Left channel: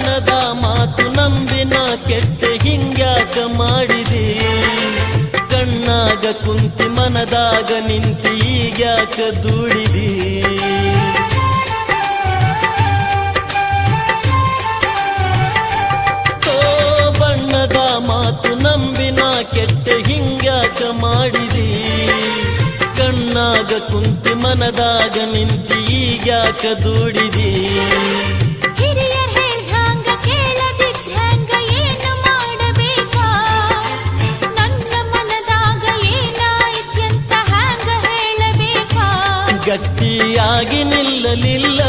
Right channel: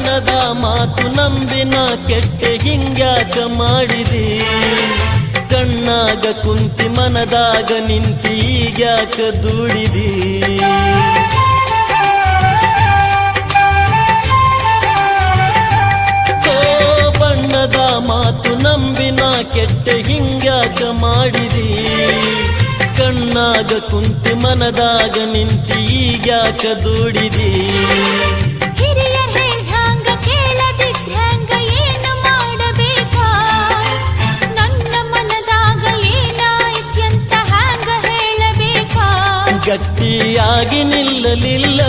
ಬಣ್ಣದ ಮಾತು ನಂಬಿನ ಕೆಟ್ಟೆ ಹಿಂಗ್ಯಾಕ ಮಾಡಿದಿ, ಕಣ್ಣಾಗ ಕುಂತಿ ಮನದಾಗ ನಿಂತಿ ಈಗ್ಯಾಕ ದುಡಿದಿ. ಬಣ್ಣದ ಮಾತು ನಂಬಿನ ಕೆಟ್ಟೆ ಹಿಂಗ್ಯಾಕ ಮಾಡಿದಿ, ಕಣ್ಣಾಗ ಕುಂತಿ ಮನದಾಗ ನಿಂತಿ ಈಗ್ಯಾಕ ದುಡಿದಿ. ಹಿರಿಯರ್ ಹೇಳ್ದಂಗ ಕೇಳದಿದ್ದಂಗ ಏನು ಮಾಡಬೇಕಾ, ನನ್ನ ಮನದಾಗ ಏನಾಯ್ತ್ಯಂತ ಹ್ಯಾಂಗ ಹೇಳಬೇಕಾ. ಗಟ್ಟಿಯಾಗಿ ನಿಲ್ಲಲಿಲ್ಲ,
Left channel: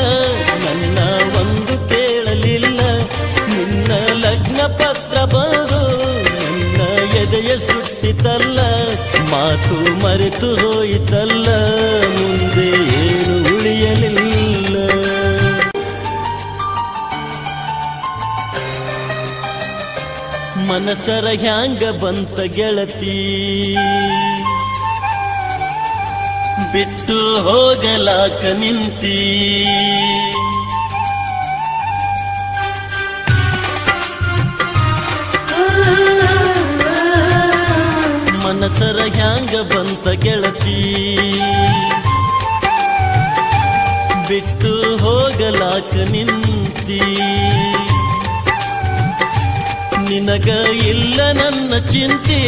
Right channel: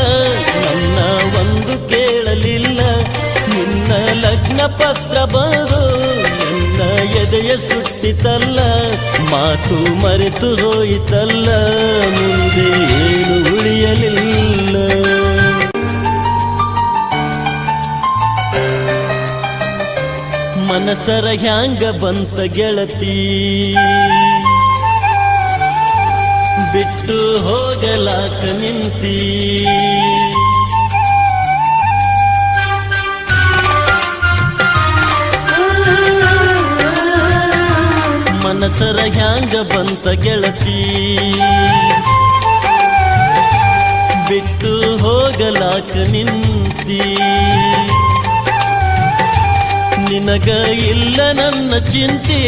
ನನ್ನ ಒಂದು ಕೇಳಲಿಲ್ಲ, ನಿನ್ನ ಲಗ್ನ ಪತ್ರ ಬರೆದು ನನ್ನ ಎದೆಯ ಸುಟ್ಟಿತಲ್ಲ, ಮಾತು ಮರೆತು ಹೋಯಿತಲ್ಲ, ಮುಂದೆ ಏನು ಉಳಿಯಲಿಲ್ಲ. ಮನಸರ ಹ್ಯಾಂಗ ಬಂತ ಗೆಳತಿ, ಬಿಟ್ಟು ಹೋಗಲಾಕ ನಿಂತಿ. ಮನಸರ ಹ್ಯಾಂಗ ಬಂತ ಗೆಳತಿ, ಬಿಟ್ಟು ಹೋಗಲಾಕ ನಿಂತಿ. ನಿನಗ ಇಲ್ಲ ನನ್ನ ಚಿಂತಿ,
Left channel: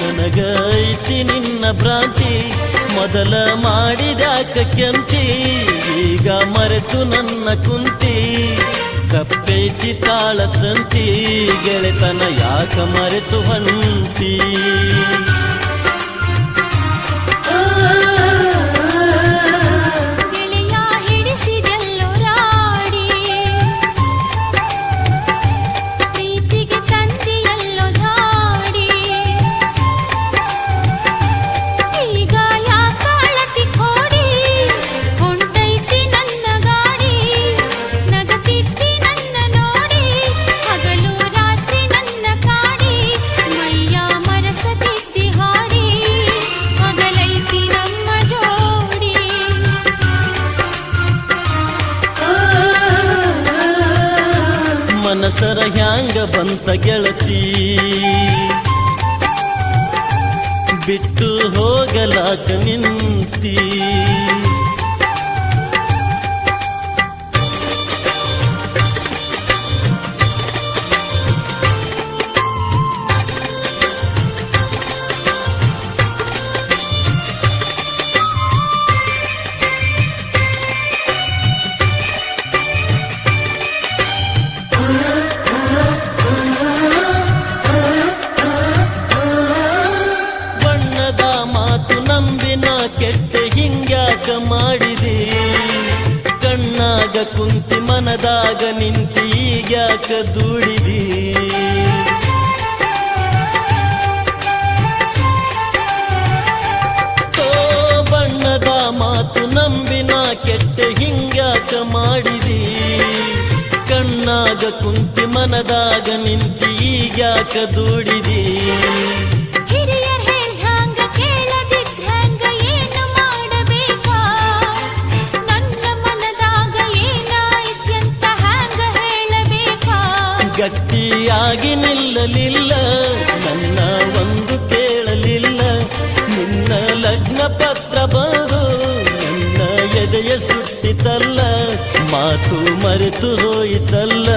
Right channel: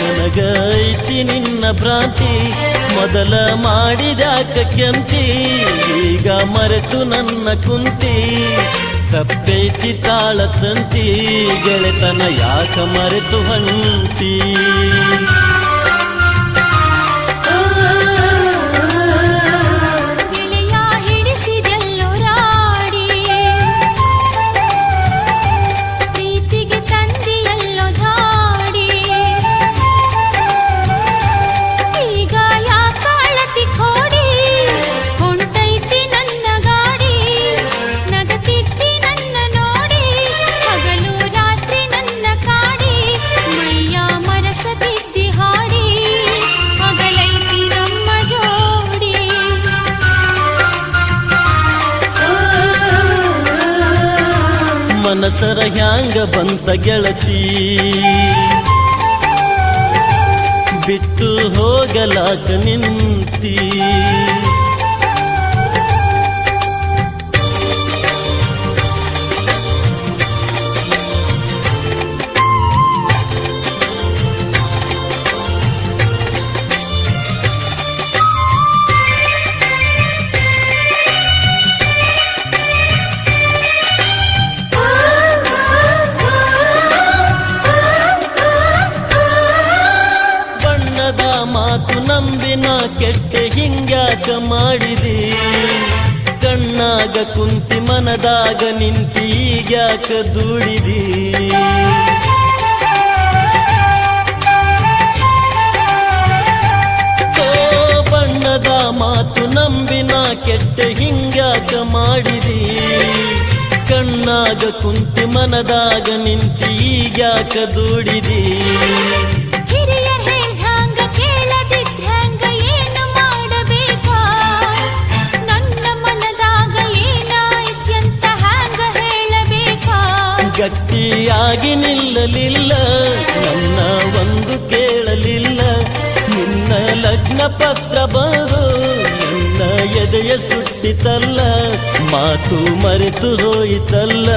ನನಗ ಐತಿ ನಿನ್ನ ಭ್ರಾಂತಿ. ಮೊದಲ ಮಾಡಿದ್ಯಾಕ ಕೆಂತಿ, ಈಗ ಮರೆತು ನನ್ನ ಕುಂತಿ. ಕಪ್ಪೈತಿ ತಾಳ ತಂತಿ, ಗೆಳೆತನ ಯಾಕ ಮರೆತು ಹೊಂಟಿ. ಗೆಳೆಯ ಹಿಡಿಸಿದೆಲ್ಲೋ ರಾಡಿ, ಪ್ರೀತಿಗೆ ತಂದಿಯಲ್ಲೋ ಧಾಡಿ. ಈಗ ಯಾಕ ಅಳತಿ ಕೋಡಿ, ಹೊಂಟೈತಿ ನನ್ನ ಗಾಡಿ. ನಗತಿದ್ದಿ ನನ್ನ ನೋಡಿ, ಹಗಲು ರಾತ್ರಿ ನನ್ನ ಕಾಡಿ. ಮೈಯ ಮರಸತಿದ್ದಿ ಹಾಡಿ, ಹಗಲೈತಿ ನಮ್ಮ ಜೋಡಿ. ಮನಸರ ಹ್ಯಾಂಗ ಬಂತ ಗೆಳತಿ, ಬಿಟ್ಟು ಹೋಗಲಾಕ ನಿಂತಿ. ಬಣ್ಣದ ಮಾತು ನಂಬಿನ ಕೆಟ್ಟೆ ಹಿಂಗ್ಯಾಕ ಮಾಡಿದಿ, ಕಣ್ಣಾಗ ಕುಂತಿ ಮನದಾಗ ನಿಂತಿ ಈಗ್ಯಾಕ ದುಡಿದಿ. ಬಣ್ಣದ ಮಾತು ನಂಬಿನ ಕೆಟ್ಟೆ ಹಿಂಗ್ಯಾಕ ಮಾಡಿದಿ, ಕಣ್ಣಾಗ ಕುಂತಿ ಮನದಾಗ ನಿಂತಿ ಈಗ್ಯಾಕ ದುಡಿದಿ. ಹಿರಿಯರ್ ಹೇಳ್ದಂಗ ಕೇಳದಿದ್ದಂಗ ಏನು ಮಾಡಬೇಕಾ, ನನ್ನ ಮನದಾಗ ಏನಾಯ್ತ್ಯಂತ ಹ್ಯಾಂಗ ಹೇಳಬೇಕಾ. ಗಟ್ಟಿಯಾಗಿ ನಿಲ್ಲಲಿಲ್ಲ, ನನ್ನ ಒಂದು ಕೇಳಲಿಲ್ಲ, ನಿನ್ನ ಲಗ್ನ ಪತ್ರ ಬರೆದು ನನ್ನ ಎದೆಯ ಸುಟ್ಟಿತಲ್ಲ, ಮಾತು ಮರೆತು ಹೋಯಿತಲ್ಲ,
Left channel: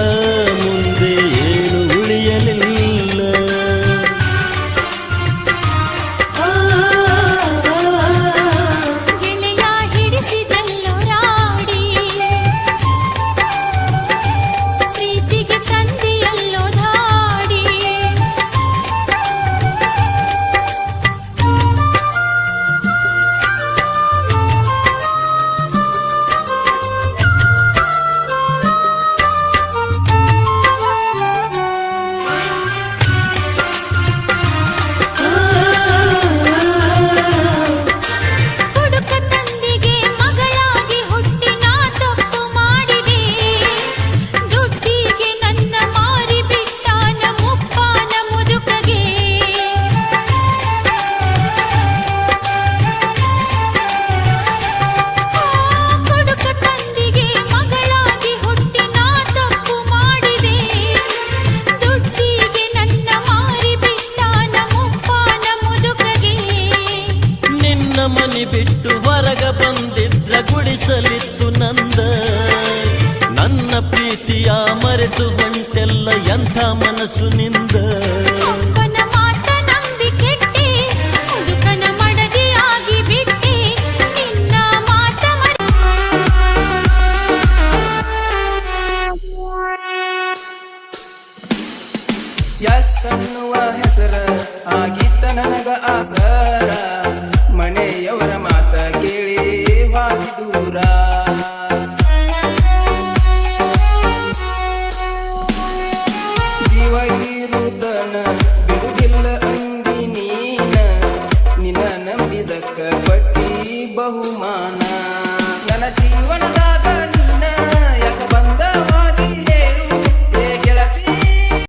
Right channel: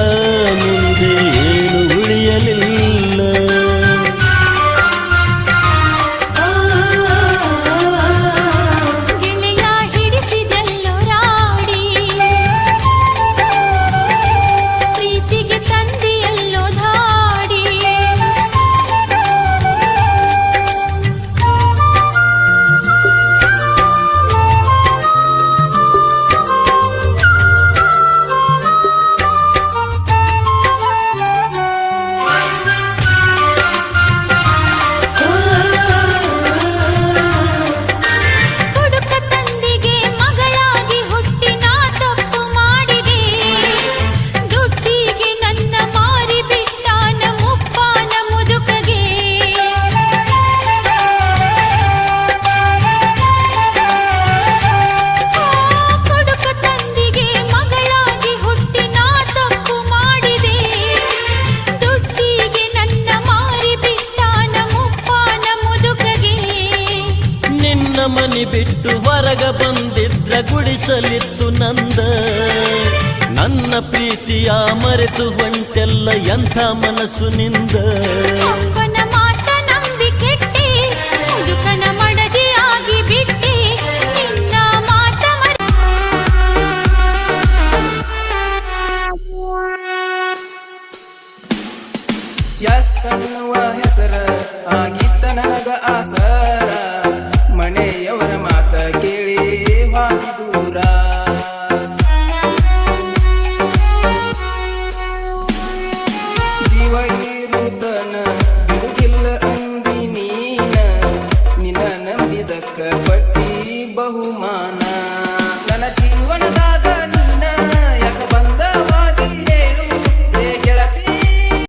ಮುಂದೆ ಏನು ಉಳಿಯಲಿಲ್ಲ. ಗೆಳೆಯ ಹಿಡಿಸಿದೆಲ್ಲೋ ರಾಡಿ, ಪ್ರೀತಿಗೆ ತಂದಿಯಲ್ಲೋ ಧಾಡಿ. ಮನಿ ಬಿಟ್ಟು ಹೊರಗ ಬಂದಿದ್ರ ಗುಡಿಸಲಿತ್ತು ನಂದ ನನ್ನ ಪ್ರೀತಿಯ ಮರೆತು ಹೊಂಟೆಲ್ಲ ಎಂಥ ಮನಸ್ಸು ನಿಂದ ಅಪ್ಪನ ಮಾತ ನಂಬಿ ಕೆಟ್ಟಿ ಮುದುಕನ ಮಡದಿಯಾಗಿ ಬಿಟ್ಟಿ ನಿನ್ನ ಮಾತ ಯಸ್ ಅನ್ನುವ ಹೆಸರ ಆಗಿತ್ತ ನನಗ